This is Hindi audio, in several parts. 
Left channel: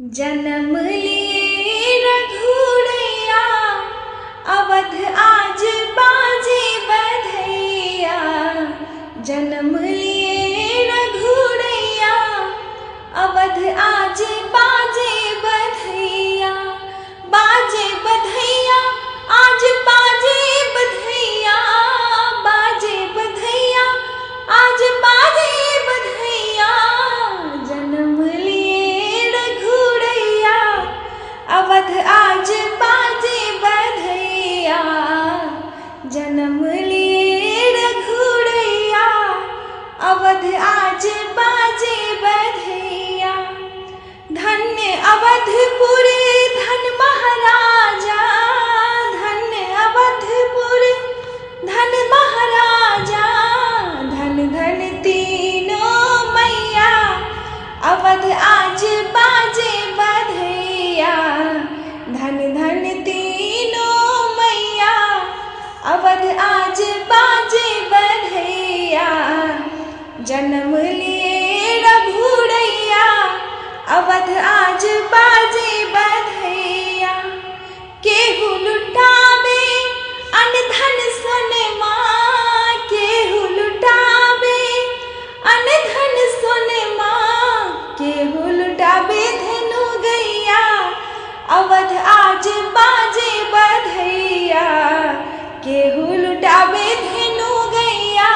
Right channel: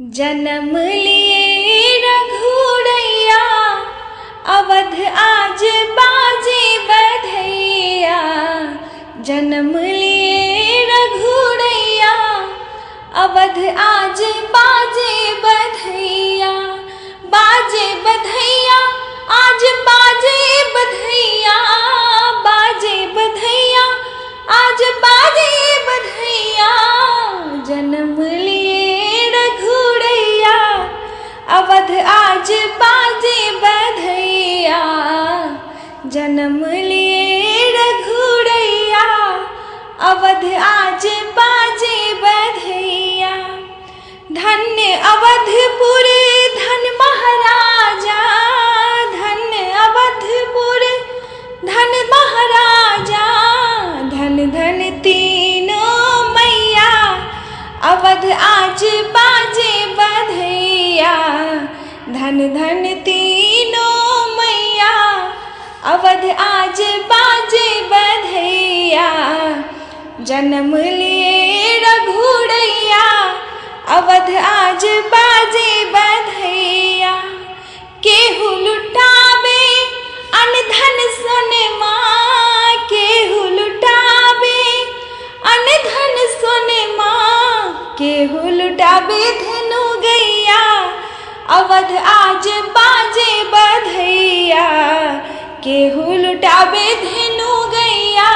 जन्म लिए रघुड़ैया, अवध आज बाजे बधैया। जन्म लिए रघुड़ैया, अवध आज बाजे बधैया। बाजे बधैया आज बाजे बधैया, बाजे बधैया आज बाजे बधैया। जन्म लिए रघुड़ैया, अवध आज बाजे बधैया। जन्म लिए रघुड़ैया, अवध आज बाजे बधैया। धन्य अवधपुर धन महाराजा, धन्य अवधपुर धन महाराजा। धन धन तीनों मैया, अवध आज बाजे बधैया। धन धन तीनों मैया, अवध आज बाजे बधैया। जन्म लिए रघुड़ैया, अवध आज बाजे बधैया। केहू लुटावे अनधन सोनमा, केहू लुटावे अनधन सोनमा। केहू लुटावे धनु गैया, अवध आज बाजे बधैया। केहू लुटावे धनु गैया,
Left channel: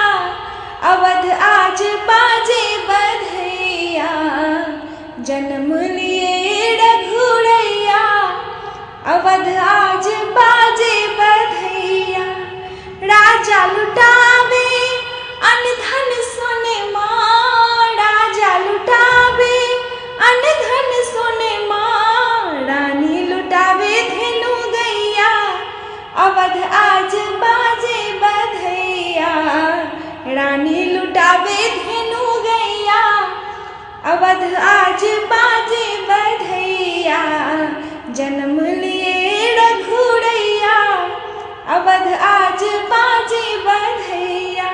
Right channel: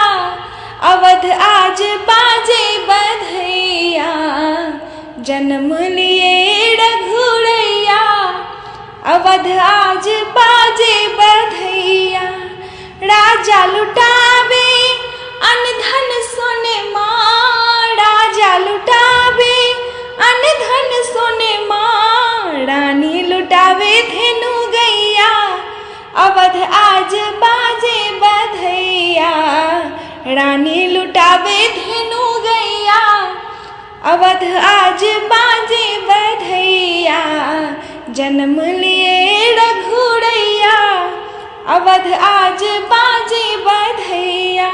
अवध आज बाजे बधैया। जन्म लिए रघुड़ैया, अवध आज बाजे बधैया। राजा लुटावे अनधन सोनमा, राजा लुटावे अनधन सोनमा। रानी लुटावे धेनु गैया, अवध आज बाजे बधैया। रानी लुटावे धेनु गैया, अवध आज बाजे बधैया। जन्म लिए रघुड़ैया, अवध आज बाजे बधैया।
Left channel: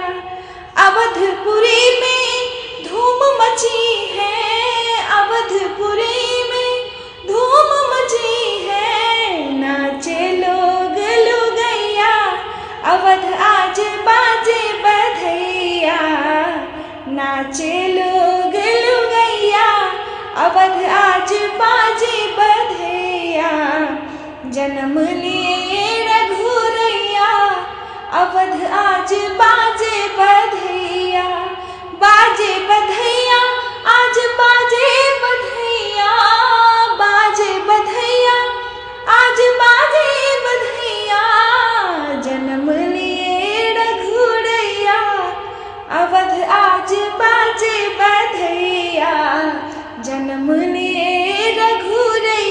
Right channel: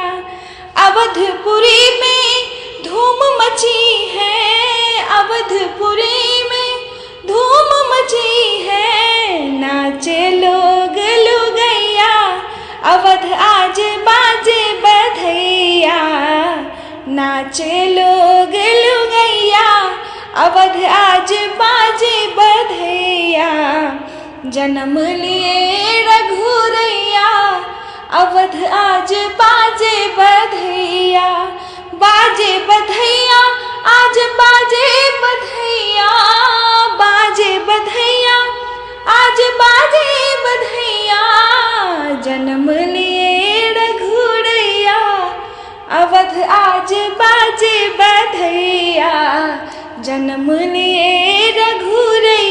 अवधपुरी में धूम मची है, अवधपुरी में धूम मची है। नाचे लोग लुगैया, अवध आज बाजे बधैया। नाचे लोग लुगैया, अवध आज बाजे बधैया। जन्म लिए रघुड़ैया, अवध आज बाजे बधैया। बाजे बधैया आज बाजे बधैया, बाजे बधैया आज बाजे बधैया। जन्म लिए रघुड़ैया, अवध आज बाजे बधैया। जन्म लिए रघुड़ैया,